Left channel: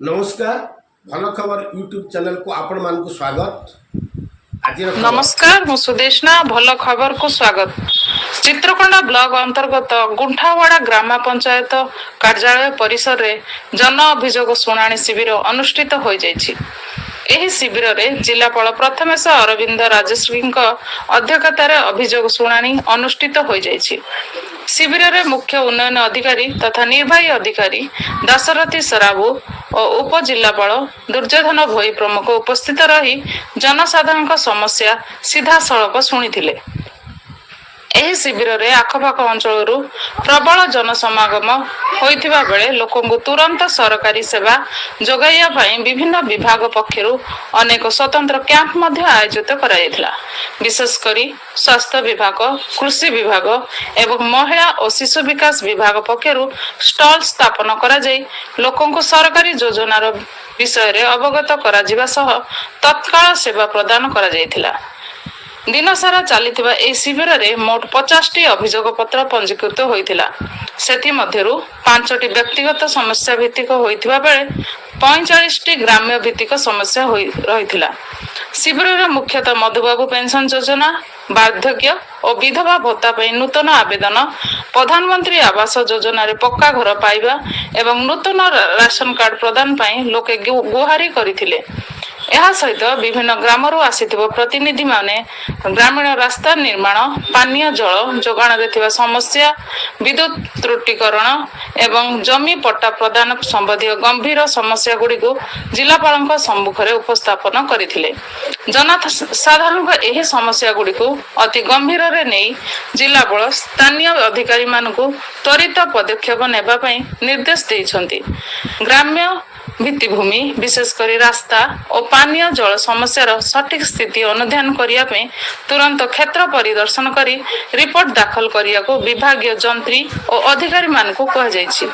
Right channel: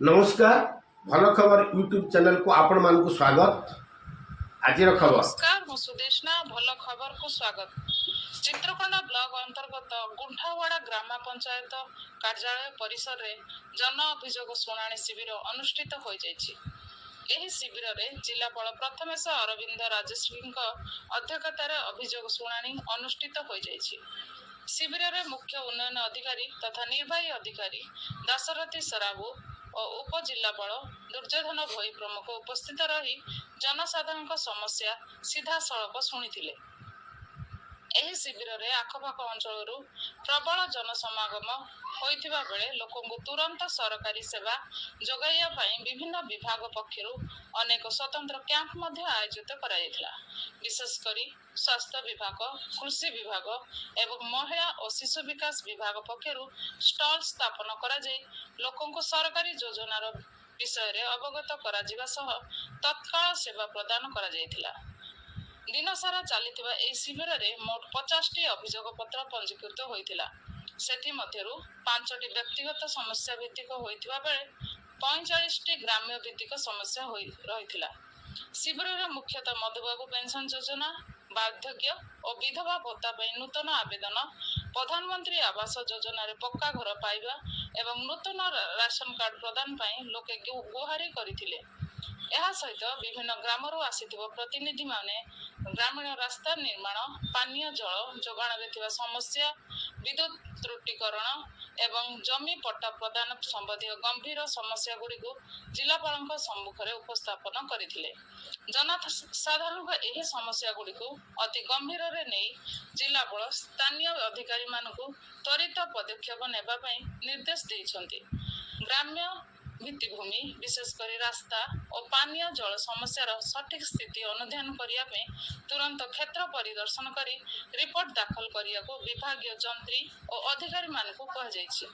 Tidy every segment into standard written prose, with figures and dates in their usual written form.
नमस्कार भल खबर यूट्यूब चैनल को आपण मान को स्वागत। आज खबर नमस्कार मु सुदेशना भल खबर को स्वागत। चित्रकोंडा ब्लॉक अंतर्गत गुंठावाड़ा ग्राम पंचायत कार्यालय परिसर रे जन अभियोग शुणाणी शिविर अनुष्ठित हो जाइछि। एही शिविर रे जिलापाल प्रथमेश अरविंद राजश्री अध्यक्षतार अभियोग शुणाणी अनुष्ठित हो जाइछि। शिविर रे मुख्य उन्नयन अधिकारी तथा निर्वाही अधिकारी दाशरथी सराबू और उपजिलापाल दुर्योधन भोई प्रमुख उपस्थित रही जनसाधारण समस्या सीधा सड़क शुणी। एही शिविर रे आखपाख अंचल प्रबल जनसमागम होइथिबा बेले लोकंकु तुरंत सरकारी सेवा जोगाइया पई विभिन्न विभाग पक्षरु अनेक स्वतंत्र कैंप मध्य आयोजित कराइथिला। विशेष करी स्वास्थ्य विभाग, कृषि विभाग एवं महिला और शिशु विकास विभाग पक्षरु स्टॉल स्थापन करा जाई लोकंकु सरकारी योजनार विषय रे अवगत करा जिबा सह तत्काल सेवा प्रदान करा जाइथिला। दिन सारा चलीथिबा ए शिविर रे मोट 50 टी अभियोग पत्र पंजीकृत होइथिला। सेथि मध्यरु 5 टी व्यक्तिगत समस्या भित्तिक होइथिबा बेले 45 टी ग्राम्य भित्तिक समस्या रहिथिला। शिविर रे मुख्यतः मधुबाबू पेंशन योजना, वार्धक्य और विधवा भत्ता पई नूतन आवेदन, प्रधानमंत्री आवास योजना रे पक्का घर पाइबा एवं नूतन राशन कार्ड प्रदान पई लोके गुहारी करिथिले। यह सहित विभिन्न ग्रामरू आसिथिबो प्रतिनिधि माने ग्रामीण रास्ता निर्माण, पानीय जल जोगाण रे थिबा समस्या, विद्युत त्रुटिकरण एवं जमी पट्टा प्रदान संबंधी गंभीर समस्या गुडी को जिलापालक सम्मुख रे उपस्थापन करिथिले। जनसाधारण एही समस्या गुडी को अति गंभीर रे नेई जिलापाल स्थानीय अधिकारी मानकु त्वरित पदक्षेप नेबा पई निर्देश दैछंती। ग्राम्य भित्तिभूमि विशेषकर रास्ता और पानीय जल समस्यार सठिक स्थिति अनुध्यान करिया पे तुरंत क्षेत्र परिदर्शन करी रिपोर्ट दाखल करिया को विभागीय जंत्री और अधिकारी मान को कह जाइछि।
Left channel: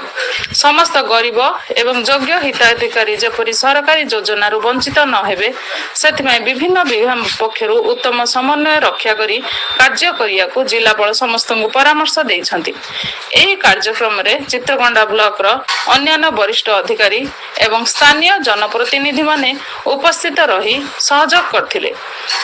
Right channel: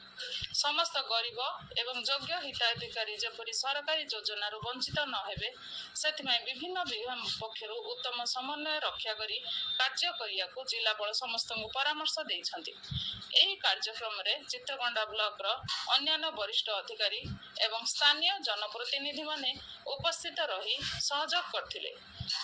समस्त गरीब एवं योग्य हिताधिकारी जेपरि सरकारी योजना रु वंचित न हेबे सेथिमे विभिन्न विभाग पक्षरु उत्तम समन्वय रक्षा करी कार्य करिया को जिलापाल समस्त को परामर्श दैछंती। एही कार्यक्रम रे चित्रकोंडा ब्लॉक रो अन्य वरिष्ठ अधिकारी एवं स्थानीय जनप्रतिनिधि माने उपस्थित रही सहयोग करथिले।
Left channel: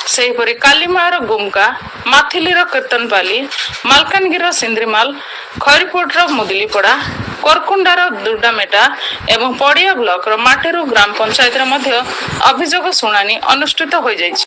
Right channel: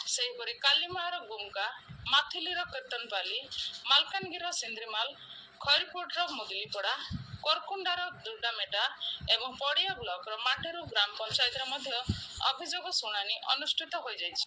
सेहिपरि कालीमार गुमका, माथिलीर कीर्तनपाली, मालकानगिर सिंद्रीमाल, खरीपुटर मुदलीपड़ा, कोरकुंडार दुर्डामेटा एवं पड़िया ब्लॉक रो माटेरू ग्राम पंचायत रे मध्य अभियोग शुणानी अनुष्ठित हो जाइछि।